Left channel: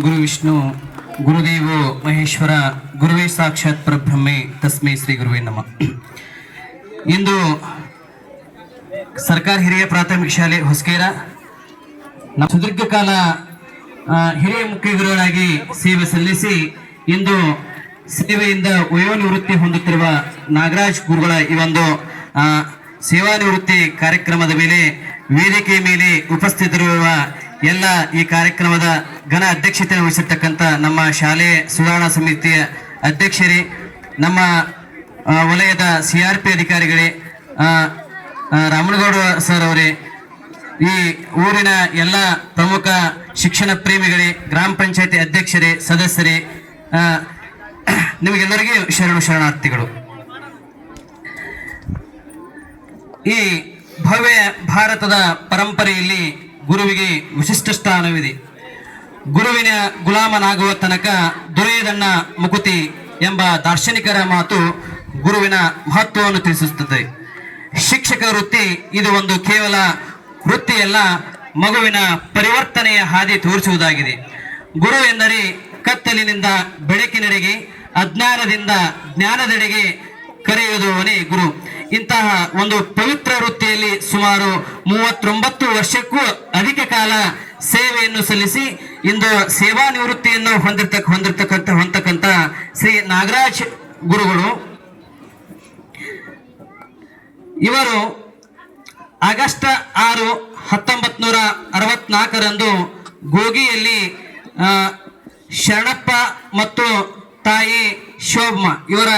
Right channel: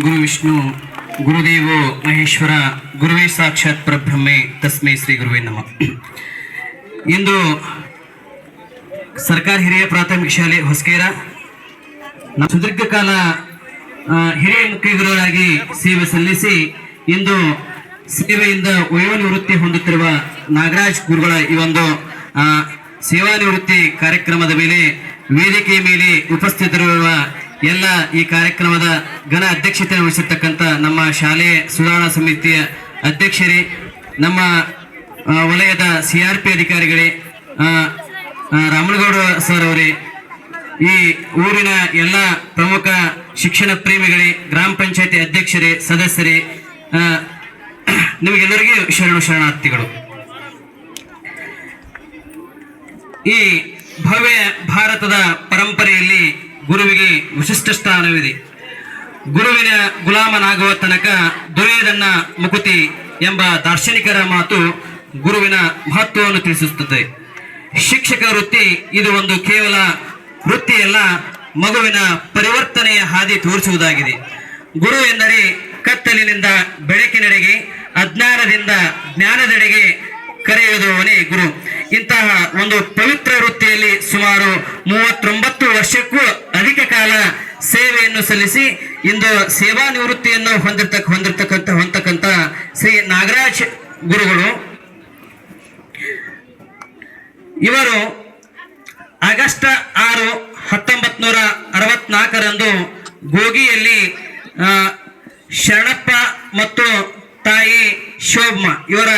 ಗುರು ವಿಷ್ಣು ಗುರುದೇವೋ ಮಹೇಶ್ವರ ಗುರುವೇ ಸಾಕ್ಷಾತ್ ಪರಬ್ರಹ್ಮೆ ತಸ್ಮೈ ಶ್ರೀ ಗುರುವೇ ನಮಃ. ಇಂದು ಸರ್ಕಾರಿ ಹಿರಿಯ ಪ್ರಾಥಮಿಕ ಶಾಲೆ ಹೊಸಕೇರ ಸುದೀರ್ಘ ಕಾಲ ಹಿರಿಯ ಮುಖ್ಯ ಗುರುಗಳಾಗಿ ಸೇವೆ ಸಲ್ಲಿಸಿ ಇಂದು ಸೇವೆಯಿಂದ ವಯೋನಿವೃತ್ತಿ ಹೊಂದುತ್ತಿರುವ ನಾಗರಾಜ್ ಗುರುಗಳ ಈ ಒಂದು ಸೇವಾ ನಿವೃತ್ತಿ ಕಾರ್ಯಕ್ರಮದ ಮೇಲೆ ವೇದಿಕೆಯ ಮೇಲೆ ಉಪಸ್ಥಿತರಿರುವ ಎಲ್ಲ ಈ ಕಾರ್ಯಕ್ರಮದ ಘನ ಅಧ್ಯಕ್ಷತೆ ವಹಿಸಿರ್ತಕ್ಕಂಥ ನಮ್ಮ ಶಾಲೆಯ ಸುಧಾರಣಾ ಸಮಿತಿಯ ಅಧ್ಯಕ್ಷರೇ, ನಮ್ಮ ವಲಯದ CRP ಅಧಿಕಾರಿಗಳೇ, ರಾಮನಗೌಡ ಸರ್ ಅವರೇ, ಈ ಊರಿನ ಎಲ್ಲ ಪ್ರಮುಖ ಶಿಕ್ಷಣ ಪ್ರೇಮಿಗಳೇ, ಗ್ರಾಮ ಪಂಚಾಯತಿ ಅಧ್ಯಕ್ಷರೇ, ಸದಸ್ಯರೇ, ನಿಮಗೆಲ್ಲರಿಗೂ ಶರಣಾರ್ಥಿಗಳು. ಈ ಭವ್ಯ ಭಾರತದ ಪರಂಪರೆಯಲ್ಲಿ ಗುರುವಿಗೆ ವಿಶಿಷ್ಟ ಸ್ಥಾನವಿದೆ. ಗುರುವಿನ ಗುಲಾಮನಾಗುವ ತನಕ ದೊರೆಯದನ್ನ ಮುಕುತಿ ಎಂಬ ದಾರ್ಶನಿಕರ ಮಾತು ಗುರುವಿನ ಮಹತ್ವವನ್ನು ತಿಳಿಸುತ್ತದೆ. ಶಿಕ್ಷಕ ವೃತ್ತಿ ಇದು ಒಂದು ಕೇವಲ ವೃತ್ತಿಯಲ್ಲ, ಮಗುವಿನ ಪರಿವರ್ತನೆಯ ಹಾದಿ ತೋರಿಸುವುದಾಗಿದೆ. ಗುರು ಎಂದರೆ ಕತ್ತಲಿನಿಂದ ಬೆಳಕಿನೆಡೆಗೆ, ಅಜ್ಞಾನದಿಂದ ಜ್ಞಾನದೆಡೆಗೆ ಕರೆಯುವುದವನೇ ಗುರು. ಇಂತಹ ಒಂದು ಪವಿತ್ರ ವೃತ್ತಿಯಲ್ಲಿ ಸುಮಾರು 39 ವರ್ಷಕ್ಕೂ ಅಧಿಕ ಕಾಲ ಸೇವೆಯನ್ನು ಸಲ್ಲಿಸಿ ಇಂದು ಸೇವಾ ನಿವೃತ್ತಿಯನ್ನು ಹೊಂದತಕ್ಕಂಥ ಶ್ರೀ ನಾಗರಾಜ್ ಗುರುಗಳು ಇವರು ಆಗಸ್ಟ್ 6, 1964ರಂದು ಗೋಗಿಯಲ್ಲಿ ಶರಣಪ್ಪ ಮತ್ತು ತಾಯಿ ಶೋಭಮ್ಮ ಇವರ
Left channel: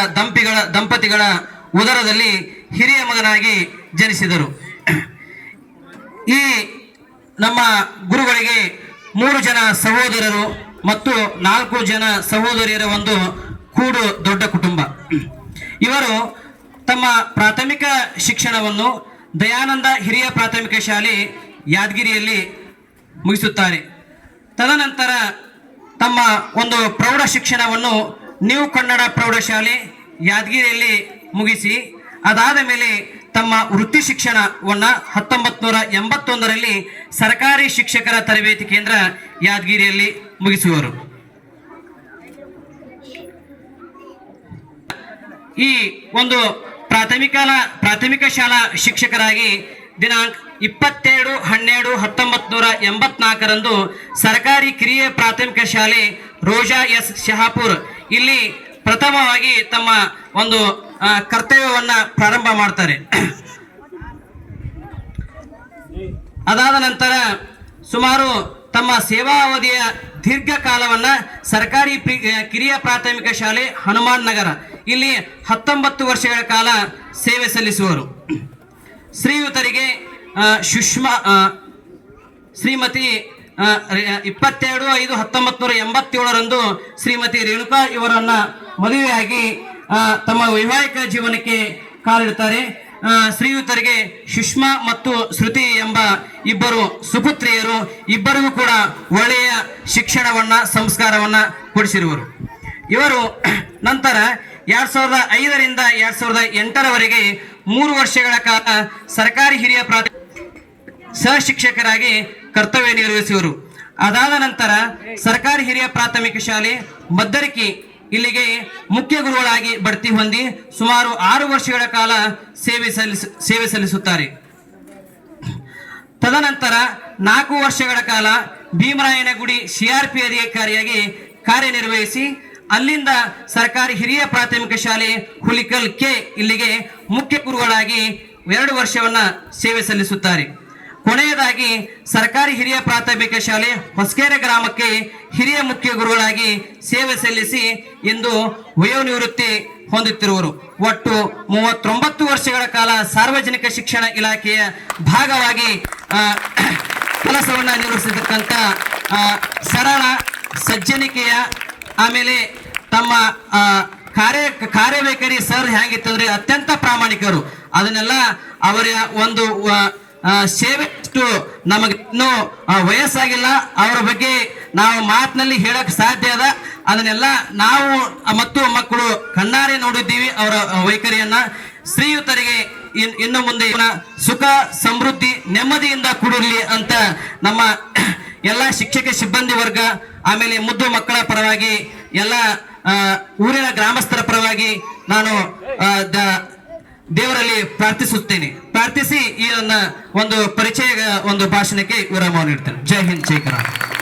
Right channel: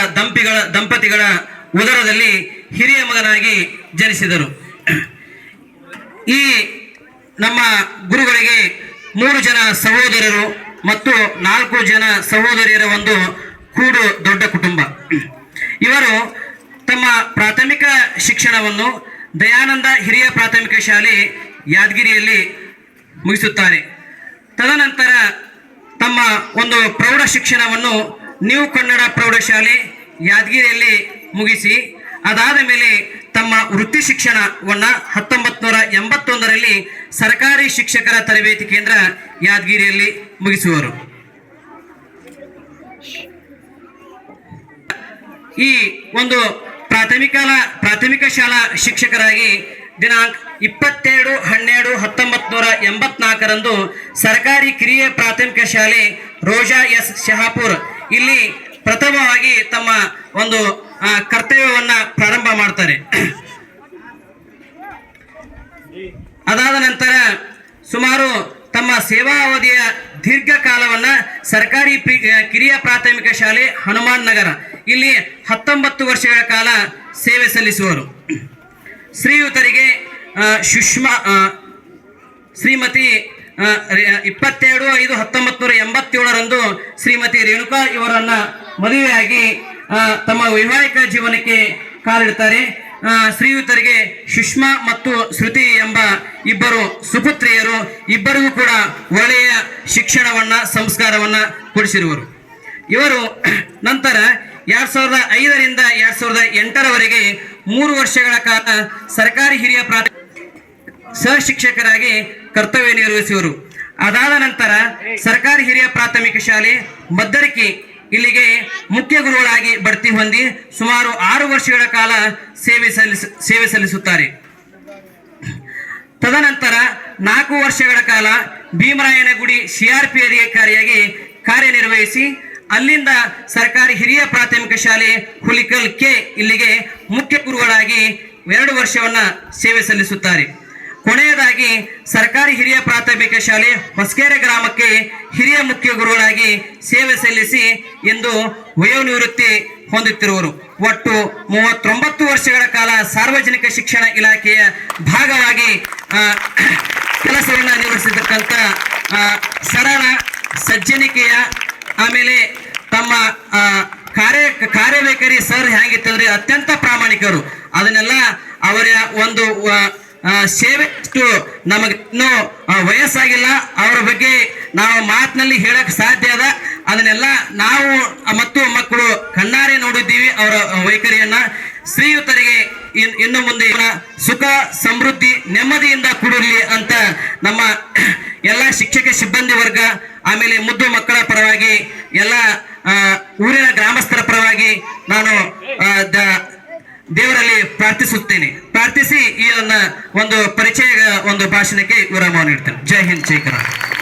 ದಂಪತಿಗಳ ಉದರದಲ್ಲಿ ಹಿರಿಯ ಮಗನಾಗಿ ಜನಿಸಿದರು. ಈ ನಮ್ಮ ಗುರುಗಳಿಗೆ 3 ಜನ ಸಹೋದರರು ಮತ್ತು 4 ಜನ ಸಹೋದರಿಯರ ಒಂದು ಕೂಡು ದೊಡ್ಡ ಕುಟುಂಬ. ಇವರು ತಮ್ಮ ಪ್ರಾಥಮಿಕ ಶಿಕ್ಷಣವನ್ನು ದಯಾನಂದ ಹಿರಿಯ ಪ್ರಾಥಮಿಕ ಶಾಲೆ ಯಾದಗಿರಿಯಲ್ಲಿ ಮುಗಿಸುತ್ತಾರೆ. ತದನಂತರ ತಮ್ಮ ಒಂದು ಪ್ರೌಢ ಶಿಕ್ಷಣವನ್ನು ನ್ಯೂ ಕನ್ನಡ ಪ್ರೌಢಶಾಲೆ ಯಾದಗಿರಿಯಲ್ಲಿ ಮುಗಿಸಿ ಅದಾದ ಮೇಲೆ ತಮ್ಮ ವೃತ್ತಿ ಶಿಕ್ಷಣವನ್ನು 1981ರಲ್ಲಿ ಸರ್ಕಾರಿ ಶಿಕ್ಷಕರ ತರಬೇತಿ ಕೇಂದ್ರ ಯಾದಗಿರಿಯಲ್ಲಿ ಮುಗಿಸುವರು. ಈ ಒಂದು ಪ್ರಾಥಮಿಕ ಶಾಲಾ ಶಿಕ್ಷಕರಾಗಿ ದಿನಾಂಕ 22/12/1984ರಂದು ಸರ್ಕಾರಿ ಕಿರಿಯ ಪ್ರಾಥಮಿಕ ಶಾಲೆ ರೋಜಾ ಎಸ್ ಶಹಾಪುರ್ ಇಲ್ಲಿ ಪ್ರಥಮವಾಗಿ ತಮ್ಮ ಒಂದು ಕರ್ತವ್ಯವನ್ನ ಪ್ರಾರಂಭ ಮಾಡ್ತಾರೆ. ಅದಾದ ನಂತರ ಸುಮಾರು ತಮ್ಮ ಸೇವಾ ಅವಧಿಯ ದೀರ್ಘಕಾಲವನ್ನ ಸರ್ಕಾರಿ ಕಿರಿಯ ಪ್ರಾಥಮಿಕ ಶಾಲೆ ಹನುಮಾನ್ ನಗರ ಇಲ್ಲಿ 19 ವರ್ಷಗಳ ಕಾಲ ಸೇವೆ ಸಲ್ಲಿಸುವರು. ಶ್ರೀಯುತರಿಗೆ ಶ್ರೀಮತಿ 22/5/1987ರಂದು ಶ್ರೀಮತಿ ರೇಣುಕಾ ಇವರನ್ನ ಮದುವೆಯಾಗಿ ತಮ್ಮ ವೈವಾಹಿಕ ಜೀವನಕ್ಕೆ ಕಾಲಿಡುತ್ತಾರೆ. ಶ್ರೀಯುತರಿಗೆ ಸುಷ್ಮಾ ಮತ್ತು ಶ್ರುತಿ ಎಂಬ ಇಬ್ಬರು ಸುಪುತ್ರಿಯರು, ಇಬ್ಬರಿಗೂ ಕೂಡ ಒಳ್ಳೆಯ ಶಿಕ್ಷಣವನ್ನ ಸಂಸ್ಕಾರವನ್ನ ಕೊಡಿಸಿರುವರು. ಇವರು ನಂತರ 2005ರಿಂದ 2008ರವರೆಗೆ 3 ವರ್ಷಗಳ ಕಾಲ ಸರ್ಕಾರಿ ಹಿರಿಯ ಪ್ರಾಥಮಿಕ ಸಹ ಶಿಕ್ಷಕರಾಗಿ ಕರ್ತವ್ಯ ನಿರ್ವಹಿಸುವರು. ಅದಾದ ನಂತರ ಸರ್ಕಾರಿ ಹಿರಿಯ ಪ್ರಾಥಮಿಕ ಶಾಲೆ ಮದ್ದರಕಿ ಇಲ್ಲಿಗೆ ಮುಖ್ಯ ಗುರುಗಳಾಗಿ ಬಡ್ತಿ ಹೊಂದಿ ಸುಮಾರು 6 ವರ್ಷಗಳ ಕಾಲ ಸೇವೆ ಸಲ್ಲಿಸುತ್ತಾರೆ. ತದನಂತರ 4 ವರ್ಷಗಳ ಕಾಲ ಭೀಮರಾಯನಗುಡಿ CRP ಅಧಿಕಾರಿಯಾಗಿ ಕಾರ್ಯನಿರ್ವಹಿಸಿ ಅಲ್ಲಿಂದ ಸರ್ಕಾರಿ ಹಿರಿಯ ಪ್ರಾಥಮಿಕ ಶಾಲೆ ಹುಲಿಕಲ್ ಕೆ ಇಲ್ಲಿಗೆ ಮುಖ್ಯ ಗುರುಗಳಾಗಿ 2 ವರ್ಷವನ್ನ ಸೇವೆ ಸಲ್ಲಿಸುತ್ತಾರೆ. ಕೊನೆಯದಾಗಿ ಸರ್ಕಾರಿ ಹಿರಿಯ ಪ್ರಾಥಮಿಕ ಶಾಲೆ ಹೊಸಕೆರೆ ಗ್ರಾಮಕ್ಕೆ ಹಿರಿಯ ಮುಖ್ಯ ಗುರುಗಳಾಗಿ ಸೇವೆ ಸಲ್ಲಿಸಿ ಇಂದು ವಯೋನಿವೃತ್ತಿ ಹೊಂದುತ್ತಿರುವರು. ಒಟ್ಟು 39 ವರ್ಷಗಳ ಕಾಲ ಸಾರ್ವಜನಿಕ ಶಿಕ್ಷಣ ಇಲಾಖೆಯ ಭಾಗವಾಗಿ ಕೆಲಸವನ್ನ ನಿರ್ವಹಿಸಿರ್ತಕ್ಕಂಥ ಸರಳ ಸಜ್ಜನಿಕೆಯ ಆಮೇಲೆ ತಮ್ಮ ಕಾರ್ಯವೈಖರಿ ಸರ್ ಹೇಗಿತ್ತಂದ್ರೆ ಅತ್ಯಂತ ಪ್ರಾಮಾಣಿಕರು. ಅದನ್ನೆಲ್ಲ ಅವರ ಒಂದು ಸೇವೆ ನಮಗೆ ಇನ್ನೂ ವಯಸ್ಸಾಗಿಲ್ಲ, ಅವರ ಬಗ್ಗೆ ನಾವು ಮಾತಿನಲ್ಲಿ ಹೇಳಕ್ ಸಾಧ್ಯ ಅದ. ಅದನ್ನೆಲ್ಲ ನಾವು ಮತ್ತು ಮಕ್ಕಳು ಕಣ್ಣಾರೆ ನೋಡಿದ್ದೀವಿ ಅವರ ವೈಖರಿಯನ್ನ. ಶ್ರೀಯುತರಿಗೆ ಇನ್ನು ಮುಂದೆ ಸುಖ ಸಮೃದ್ಧಿ ನೆಮ್ಮದಿಯಿಂದ ಕೂಡಿರಲಿ ಅಂತ ನಮ್ಮ ಎಲ್ಲ ಶಿಕ್ಷಕ ಸಿಬ್ಬಂದಿ ವರ್ಗ, ಆಮೇಲೆ ಮುದ್ದು ಮಕ್ಕಳ ಪರವಾಗಿ, ಎಲ್ಲ ಊರಿನ ಗ್ರಾಮಸ್ಥರ ಪರವಾಗಿ ನಾನು ದೇವರಲ್ಲಿ ಪ್ರಾರ್ಥಿಸುತ್ತೇನೆ. ಪ್ರಾರ್ಥಿಸಿ ಈ ನನ್ನ ಒಂದು ಪರಿಚಯ ಒಂದು ಭಾಷಣಕ್ಕೆ ವಿರಾಮ ನೀಡ್ತೇನೆ. ಜೈ ಹಿಂದ್, ಜೈ ಕರ್ನಾಟಕ.